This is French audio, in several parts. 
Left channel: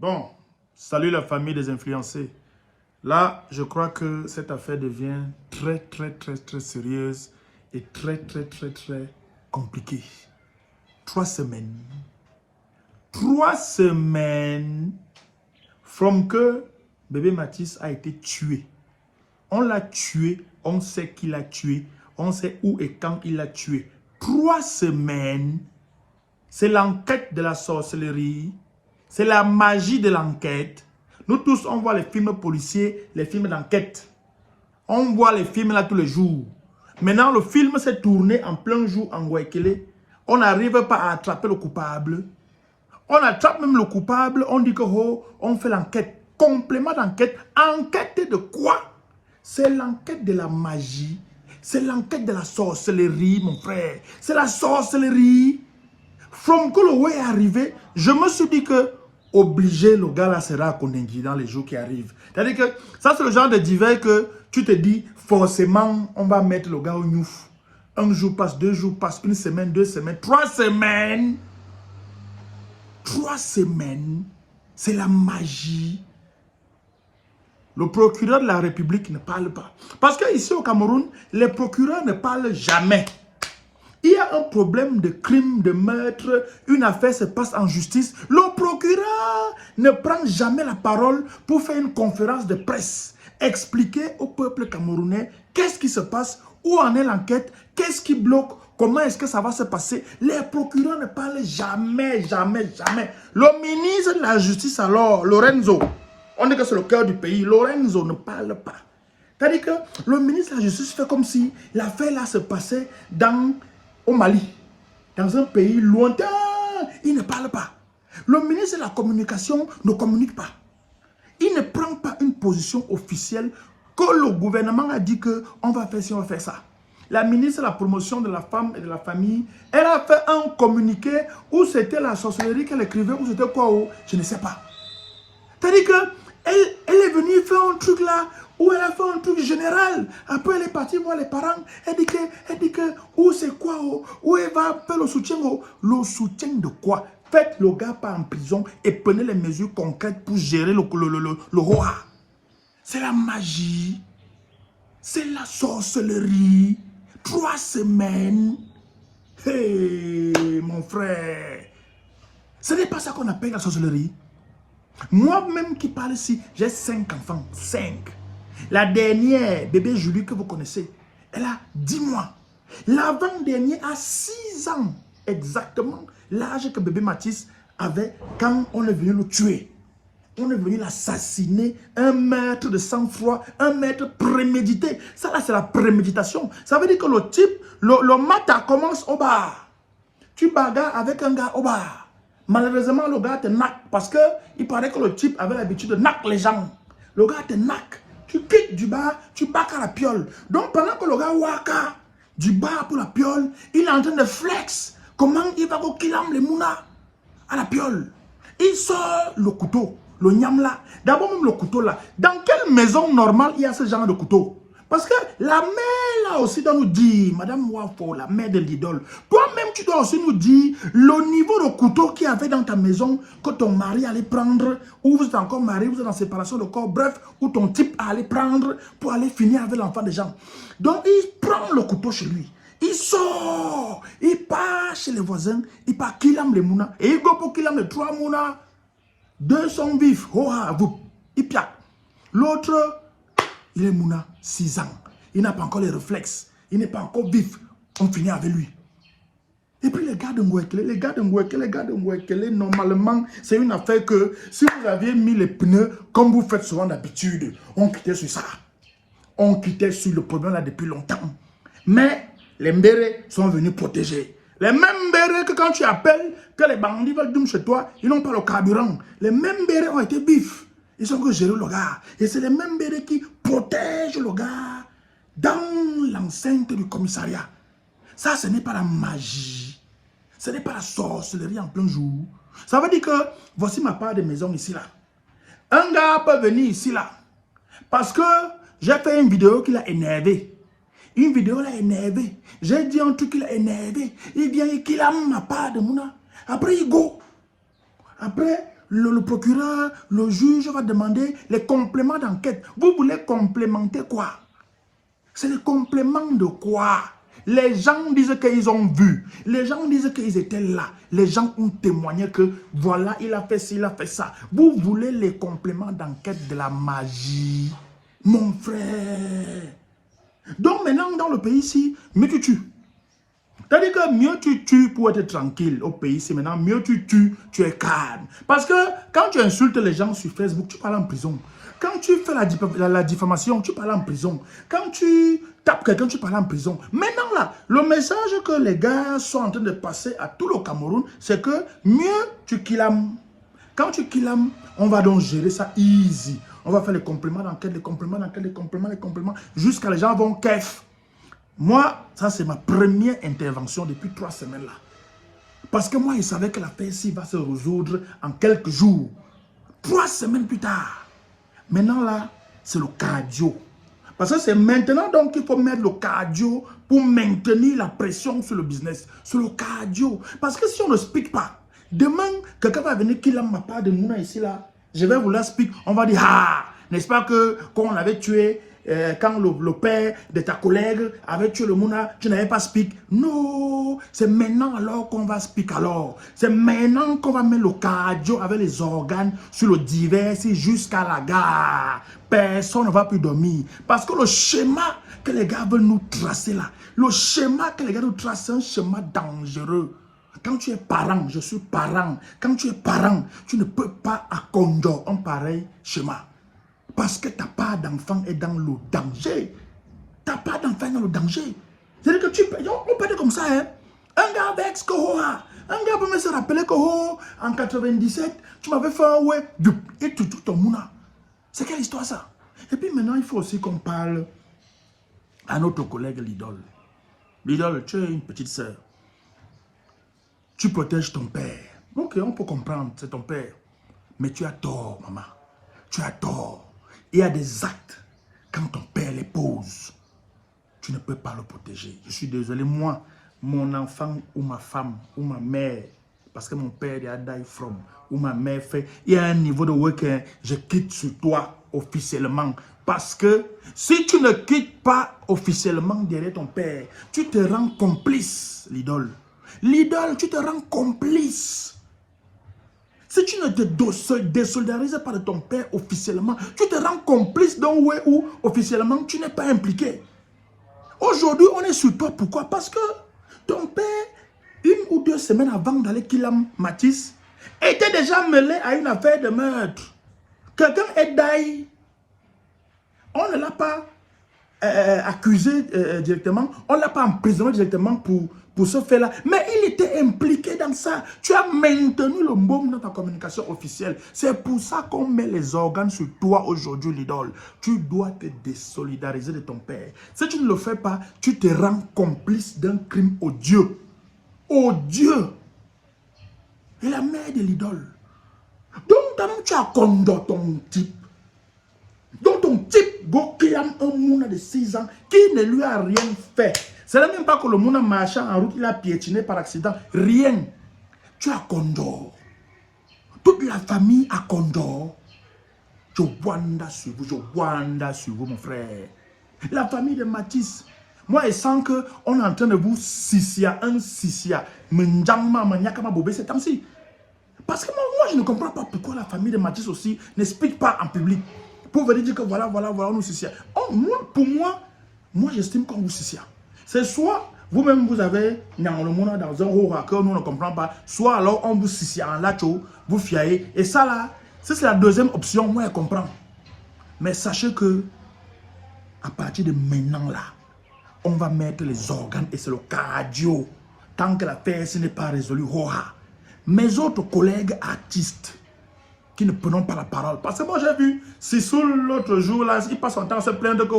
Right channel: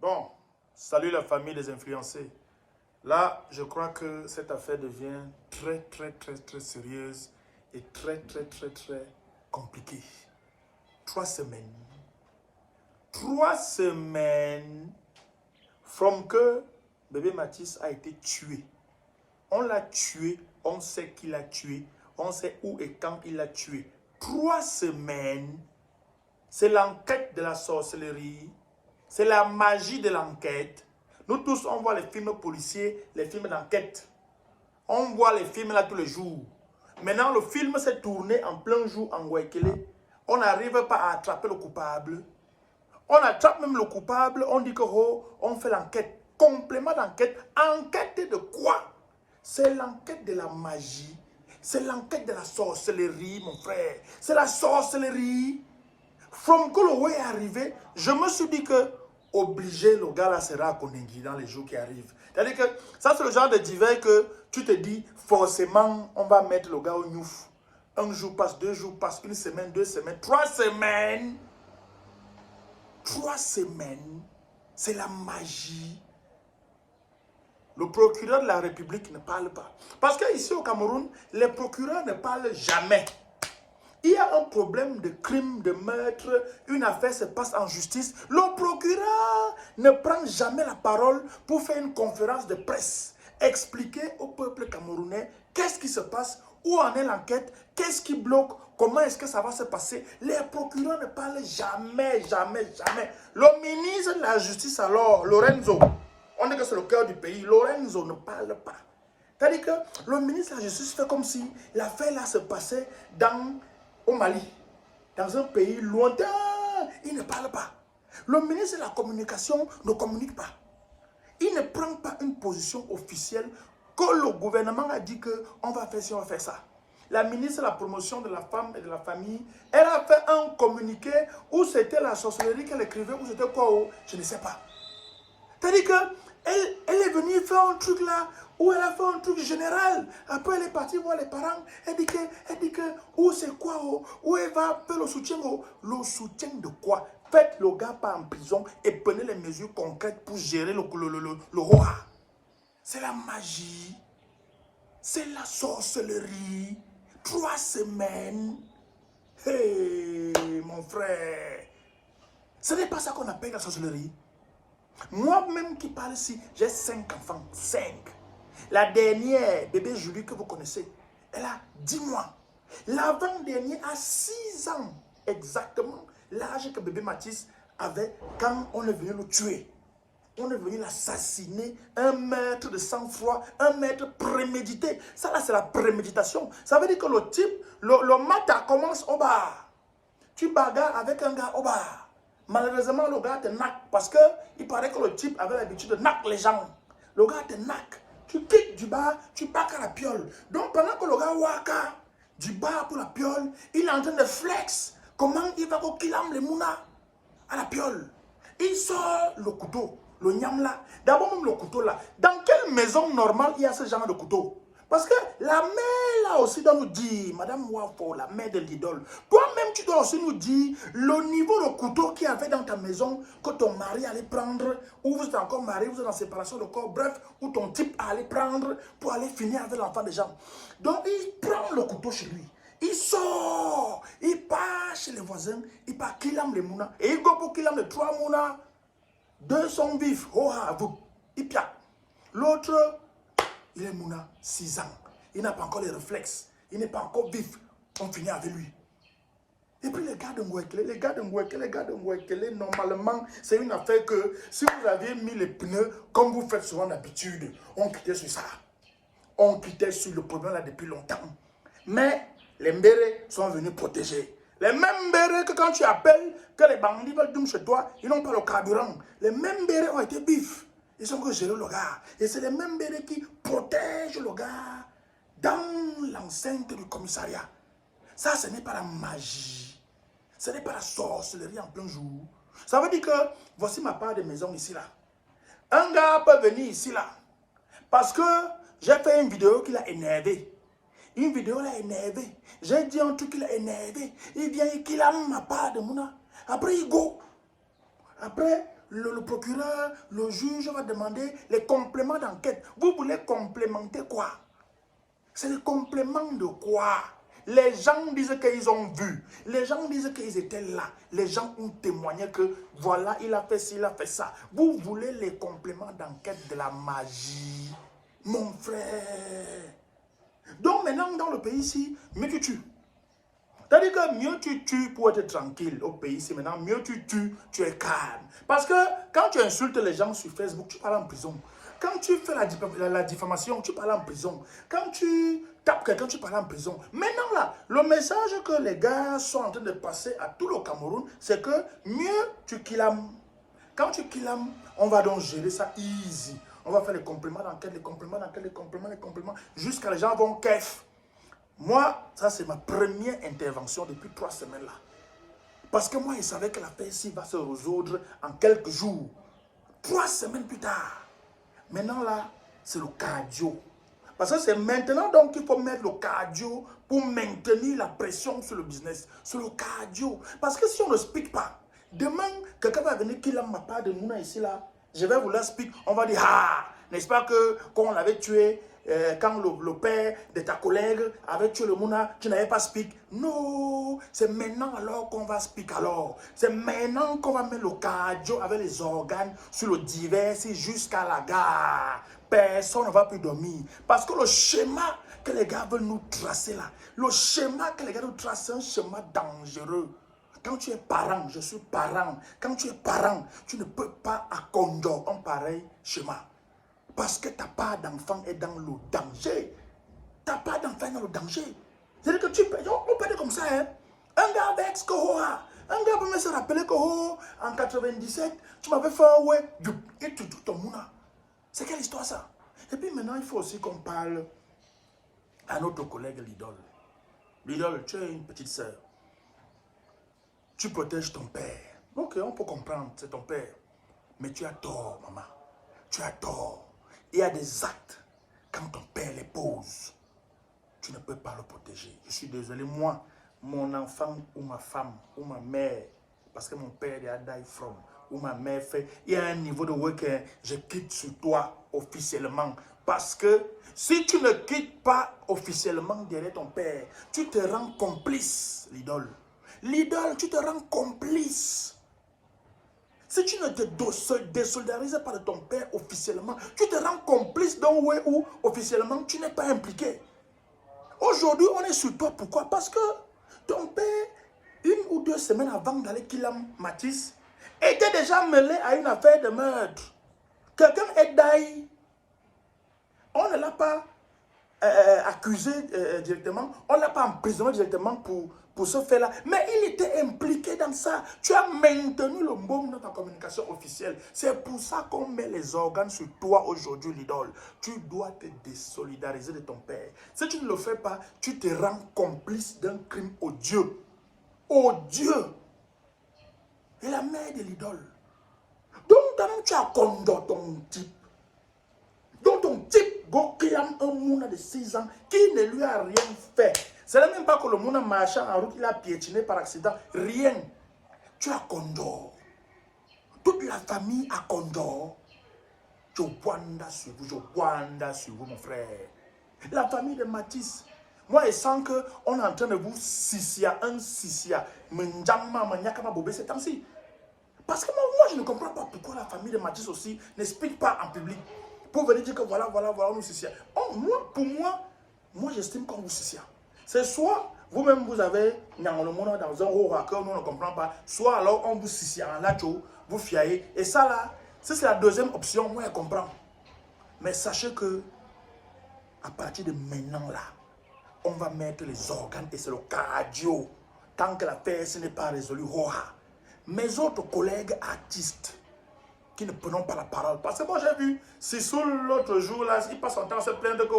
Bon, salut la famille des influencés. Là, je crois que cette affaire devient très sérieuse et très compliquée. 3 semaines. 3 semaines from que bébé Mathis a été tué. On l'a tué, on sait qui l'a tué, on sait où et quand il l'a tué. 3 semaines, c'est l'enquête de la sorcellerie. C'est la magie de l'enquête. Nous tous, on voit les films policiers, les films d'enquête. On voit les films là tous les jours. Maintenant, le film s'est tourné en plein jour en Guayaquil. On n'arrive pas à attraper le coupable. On attrape même le coupable. On dit que oh, on fait l'enquête. Complément d'enquête. Enquête de quoi? C'est l'enquête de la magie. C'est l'enquête de la sorcellerie, mon frère. C'est la sorcellerie. From que le way est arrivé, je me suis dit que obligé, le gars là sera condamné dans les jours qui arrivent. C'est-à-dire que ça, c'est le genre de divers que tu te dis, forcément, on va mettre le gars au gnouf. Un jour passe, 2 jours passe, 1 semaine, 2 semaines, 3 semaines. 3 semaines, c'est la magie. Le procureur de la République ne parle pas. Parce qu'ici au Cameroun, les procureurs ne parlent jamais. Il y a un problème de crime, de meurtre, une affaire se passe en justice. Le procureur ne prend jamais la parole pour faire une conférence de presse. Expliquer au peuple camerounais qu'est-ce qui se passe, où en est l'enquête, qu'est-ce qui bloque, comment est-ce que ça va se passer. Les procureurs ne parlent jamais. Le ministre de la Justice alors, Lorenzo, on dit que c'est le cœur du pays, Lorenzo ne parle pas. C'est-à-dire que le ministre de la Justice fait comme si l'affaire là se passait au Mali, dans un pays lointain. Il ne parle pas. Le ministre de la Communication ne communique pas. Il ne prend pas une position officielle que le gouvernement a dit qu'on va faire ci, on va faire ça. La ministre de la Promotion de la Femme et de la Famille, elle a fait un communiqué où c'était la sorcellerie qu'elle écrivait, où c'était quoi, je ne sais pas. C'est-à-dire qu'elle est venue faire un truc là, où elle a fait un truc général. Après, elle est partie voir les parents. Elle dit que où c'est quoi, où elle va faire le soutien. Le soutien de quoi? Faites le gars pas en prison et prenez les mesures concrètes pour gérer le roi. C'est la magie. C'est la sorcellerie. 3 semaines. Hey, mon frère. Ce n'est pas ça qu'on appelle la sorcellerie. Moi-même qui parle ici, j'ai 5 enfants. 5. La dernière, bébé Julie que vous connaissez, elle a 10 mois. L'avant-dernier a 6 ans. Exactement l'âge que bébé Mathis avait quand on est venu le tuer. On est venu l'assassiner. Un meurtre de sang-froid, un meurtre prémédité. Ça là, c'est la préméditation. Ça veut dire que le type, le matin commence au bar. Tu bagarres avec un gars au bar. Malheureusement, le gars te naque parce qu'il paraît que le type avait l'habitude de naque les gens. Le gars te naque. Tu quittes du bar, tu bacs à la piole. Donc, pendant que le gars waka du bar pour la piole, il est en train de flex. Comment il va go kilam les mouna à la piole. Il sort le couteau, le nyam là. D'abord, même le couteau là. Dans quelle maison normale il y a ce genre de couteau? Parce que la mère là aussi doit nous dire, Madame Wafo, la mère de l'idole, toi-même tu dois aussi nous dire le niveau de couteau qu'il y avait dans ta maison que ton mari allait prendre, ou vous êtes encore marié, vous êtes en séparation de corps, bref, ou ton type allait prendre pour aller finir avec l'enfant des gens. Donc il prend le couteau chez lui, il sort, il part chez les voisins, il part Kilam les Mouna, et il go pour Kilam les 3 Mouna, 2 sont vifs, oh ah, vous, il piaque. L'autre, il est Mouna, 6 ans. Il n'a pas encore les réflexes. Il n'est pas encore vif. On finit avec lui. Et puis les gars de Ngouekele, normalement, c'est une affaire que si vous aviez mis les pneus, comme vous faites souvent d'habitude, on quittait sur ça. On quittait sur le problème là depuis longtemps. Mais les mbérés sont venus protéger. Les mêmes mbérés que quand tu appelles, que les bandits veulent dormir chez toi, ils n'ont pas le carburant. Les mêmes mbérés ont été vifs. Ils ont que gérer le gars. Et c'est les mêmes bérets qui protègent le gars dans l'enceinte du commissariat. Ça, ce n'est pas la magie. Ce n'est pas la sorcellerie en plein jour. Ça veut dire que, voici ma part de maison ici là. Un gars peut venir ici là. Parce que j'ai fait une vidéo qui l'a énervé. Une vidéo l'a énervé. J'ai dit un truc qui l'a énervé. Il vient, il a ma part de mouna. Après, il go. Après, le procureur, le juge va demander les compléments d'enquête. Vous voulez complémenter quoi? C'est le complément de quoi? Les gens disent qu'ils ont vu. Les gens disent qu'ils étaient là. Les gens ont témoigné que voilà, il a fait ci, il a fait ça. Vous voulez les compléments d'enquête de la magie, mon frère. Donc maintenant, dans le pays ici, mieux tu tues. C'est-à-dire que mieux tu tues pour être tranquille au pays ici. Maintenant, mieux tu tues, tu es calme. Parce que quand tu insultes les gens sur Facebook, tu parles en prison. Quand tu fais la diffamation, tu parles en prison. Quand tu tapes quelqu'un, tu parles en prison. Maintenant là, le message que les gars sont en train de passer à tout le Cameroun, c'est que mieux tu killam. Quand tu killam, on va donc gérer ça easy. On va faire les compléments d'enquête, les compléments d'enquête, les compléments, jusqu'à les gens vont kef. Moi, ça c'est ma première intervention depuis 3 semaines là. Parce que moi, je savais que l'affaire ici va se résoudre en quelques jours. 3 semaines plus tard. Maintenant là, c'est le cardio. Parce que c'est maintenant donc qu'il faut mettre le cardio pour maintenir la pression sur le business. Sur le cardio. Parce que si on ne speak pas, demain, quelqu'un va venir qui m'a pas de Mouna ici là. Je vais vous la speak. On va dire, ah, n'est-ce pas que quand on l'avait tué, quand le père de ta collègue avait tué le Mouna, tu n'avais pas speak. Non, c'est maintenant alors qu'on va speak alors. C'est maintenant qu'on va mettre le cardio avec les organes sur le divers jusqu'à la gare. Personne ne va plus dormir. Parce que le schéma que les gars veulent nous tracer là, le schéma que les gars nous tracent, c'est un schéma dangereux. Quand tu es parent, je suis parent. Quand tu es parent, tu ne peux pas accorder un pareil schéma. Parce que ta part d'enfant est dans le danger. Ta part d'enfant est dans le danger. C'est-à-dire que on peut dire comme ça, hein. Un gars avec Skohoa, un gars peut me se rappeler que en 97, tu m'avais fait un ouais, et tu ton mouna. C'est quelle histoire ça? Et puis maintenant, il faut aussi qu'on parle à notre collègue l'idole. L'idole, tu es une petite sœur. Tu protèges ton père. Ok, on peut comprendre, c'est ton père. Mais tu as tort, maman. Tu as tort. Il y a des actes, quand ton père les pose, tu ne peux pas le protéger. Je suis désolé, moi, mon enfant ou ma femme ou ma mère, parce que mon père est à die from, ou ma mère fait, il y a un niveau de work, je quitte sur toi officiellement. Parce que si tu ne quittes pas officiellement derrière ton père, tu te rends complice, l'idole. L'idole, tu te rends complice. Si tu ne te désolidarises pas de ton père officiellement, tu te rends complice d'un way où officiellement tu n'es pas impliqué. Aujourd'hui, on est sur toi. Pourquoi? Parce que ton père, 1 ou 2 semaines avant d'aller Killam Matisse, était déjà mêlé à une affaire de meurtre. Quelqu'un est daï. On ne l'a pas accusé directement, on ne l'a pas emprisonné directement pour ce fait-là, mais il était impliqué dans ça. Tu as maintenu le môme dans ta communication officielle. C'est pour ça qu'on met les organes sur toi aujourd'hui, l'idole. Tu dois te désolidariser de ton père. Si tu ne le fais pas, tu te rends complice d'un crime odieux. Odieux. Et la mère de l'idole. Donc, tu as condamné ton type. Donc ton type, go killam un mouna de 6 ans qui ne lui a rien fait. Ce n'est même pas que le mouna marchant en route, il a piétiné par accident. Rien. Tu as condor. Toute la famille a condor. Je wanda sur vous, mon frère. La famille de Matisse. Moi, je sens qu'on est en train de vous sissia, un sissia. M'njangma, m'nyakama bobé, c'est temps-ci. Parce que moi, je ne comprends pas pourquoi la famille de Matisse aussi n'explique pas en public. Pour venir dire que voilà, on nous sissia. Oh, pour moi, j'estime qu'on vous sissia. C'est soit vous-même, vous avez dans un haut que nous ne comprenons pas, soit alors on vous sissia en lacho, vous fiaillez. Et ça là, c'est la deuxième option, moi je comprends. Mais sachez que, à partir de maintenant là, on va mettre les organes et c'est le cardio. Tant que l'affaire n'est pas résolue, mes autres collègues artistes, qui ne prenons pas la parole. Parce que moi j'ai vu Sissoul l'autre jour, là, il passe son temps à se plaindre que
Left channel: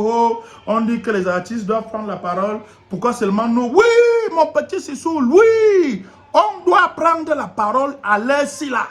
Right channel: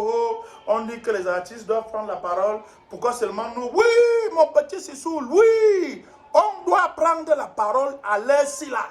on dit que les artistes doivent prendre la parole. Pourquoi seulement nous? Oui, mon petit Sissoul, oui. On doit prendre la parole à l'heure-ci là.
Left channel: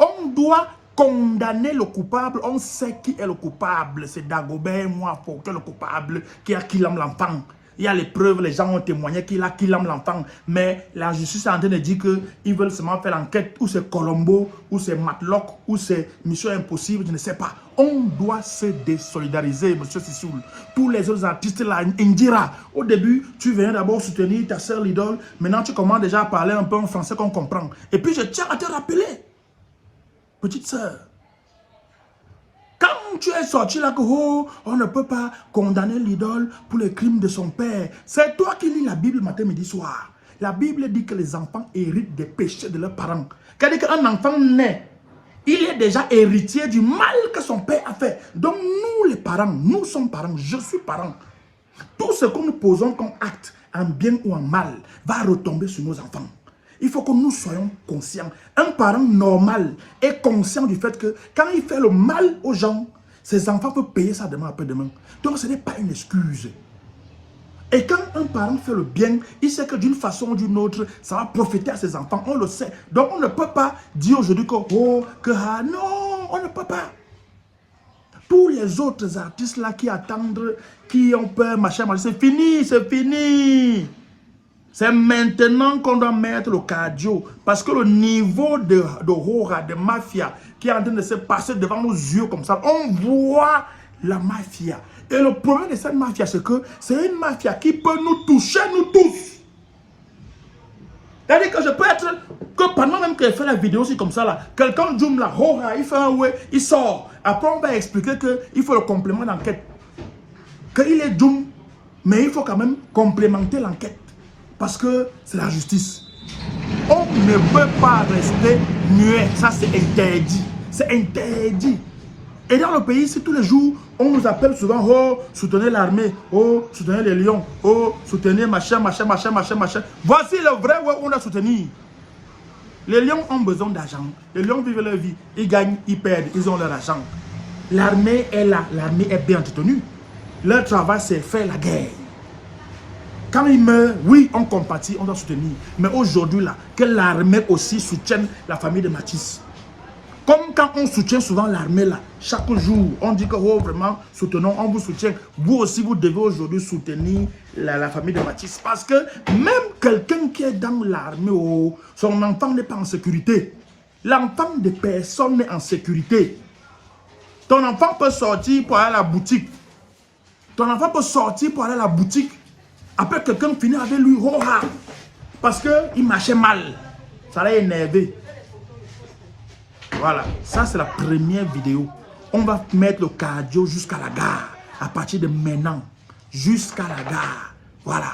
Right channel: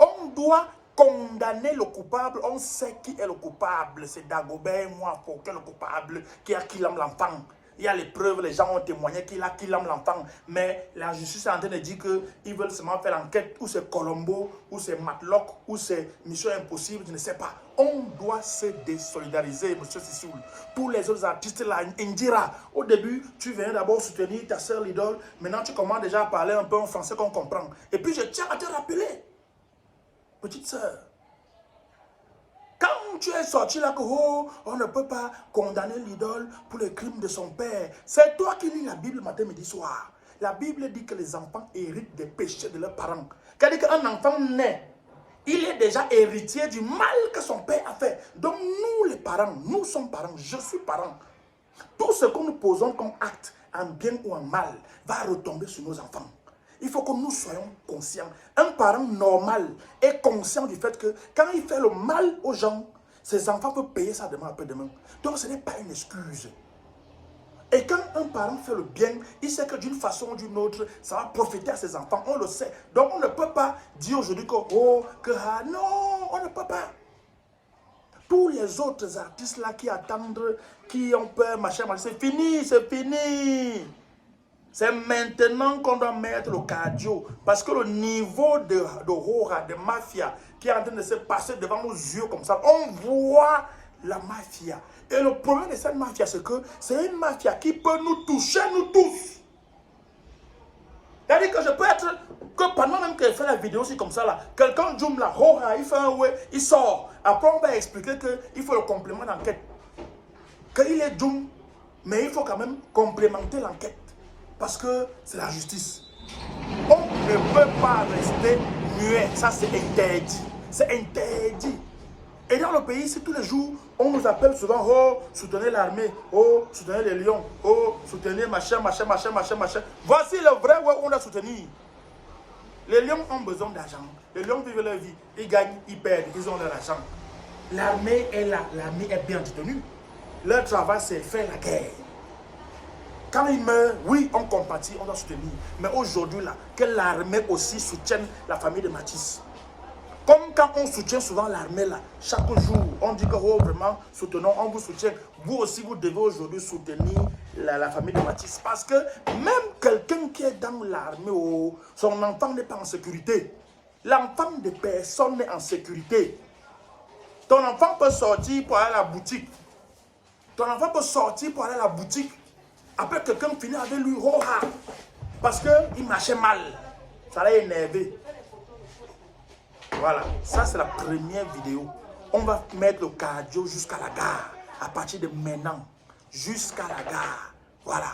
On doit condamner le coupable. On sait qui est le coupable. C'est Dagobert, moi, pour que le coupable qui a killé l'enfant. Il y a les preuves, les gens ont témoigné qu'il aime l'enfant. Mais la justice est en train de dire qu'ils veulent seulement faire l'enquête, ou c'est Colombo, ou c'est Matlock, ou c'est Mission Impossible, je ne sais pas. On doit se désolidariser, monsieur Sissoul. Tous les autres artistes là, Indira, au début, tu venais d'abord soutenir ta soeur l'idole. Maintenant, tu commences déjà à parler un peu en français qu'on comprend. Et puis, je tiens à te rappeler, petite soeur, quand tu es sorti là que oh, on ne peut pas condamner l'idole pour les crimes de son père, c'est toi qui lis la Bible matin, midi, soir. La Bible dit que les enfants héritent des péchés de leurs parents. C'est-à-dire qu'un enfant naît, il est déjà héritier du mal que son père a fait. Donc nous les parents, nous sommes parents, je suis parent. Tout ce que nous posons comme acte, en bien ou en mal, va retomber sur nos enfants. Il faut que nous soyons conscients. Un parent normal est conscient du fait que quand il fait le mal aux gens, ses enfants peuvent payer ça demain après-demain. Donc ce n'est pas une excuse. Et quand un parent fait le bien, il sait que d'une façon ou d'une autre, ça va profiter à ses enfants. On le sait. Donc on ne peut pas dire aujourd'hui que oh, que ah, non, on ne peut pas. Tous les autres artistes là qui attendent, qui ont peur, machin, c'est fini, c'est fini. C'est maintenant qu'on doit mettre le cardio. Parce que le niveau de horreur, de mafia, qui est en train de se passer devant nos yeux comme ça, on voit la mafia. Et le problème de cette mafia, c'est que c'est une mafia qui peut nous toucher, nous tous. C'est-à-dire que je peux être, que pendant même que je fais la vidéo, c'est comme ça là, quelqu'un zoom là, il fait un ouais, il sort. Après, on va expliquer qu'il faut le complément d'enquête. Qu'il est zoom, mais il faut quand même complémenter l'enquête. Parce que c'est la justice. On ne peut pas rester muet. Ça, c'est interdit. C'est interdit. Et dans le pays, c'est tous les jours, on nous appelle souvent, oh, soutenez l'armée, oh, soutenez les lions, oh, soutenez machin, machin, machin, machin, machin. Voici le vrai où on a soutenu. Les lions ont besoin d'argent. Les lions vivent leur vie. Ils gagnent, ils perdent, ils ont leur argent. L'armée est là. L'armée est bien entretenue. Leur travail, c'est faire la guerre. Quand ils meurent, oui, on compatit, on doit soutenir. Mais aujourd'hui, là, que l'armée aussi soutienne la famille de Mathis. Comme quand on soutient souvent l'armée, là, chaque jour, on dit que, oh, vraiment, soutenons, on vous soutient. Vous aussi, vous devez aujourd'hui soutenir la famille de Mathis. Parce que même quelqu'un qui est dans l'armée, oh, son enfant n'est pas en sécurité. L'enfant de personne n'est en sécurité. Ton enfant peut sortir pour aller à la boutique. Ton enfant peut sortir pour aller à la boutique. Après, quelqu'un finit avec lui, oh, parce qu'il marchait mal. Ça l'a énervé. Voilà, ça c'est la première vidéo. On va mettre le cardio jusqu'à la gare. À partir de maintenant, jusqu'à la gare. Voilà.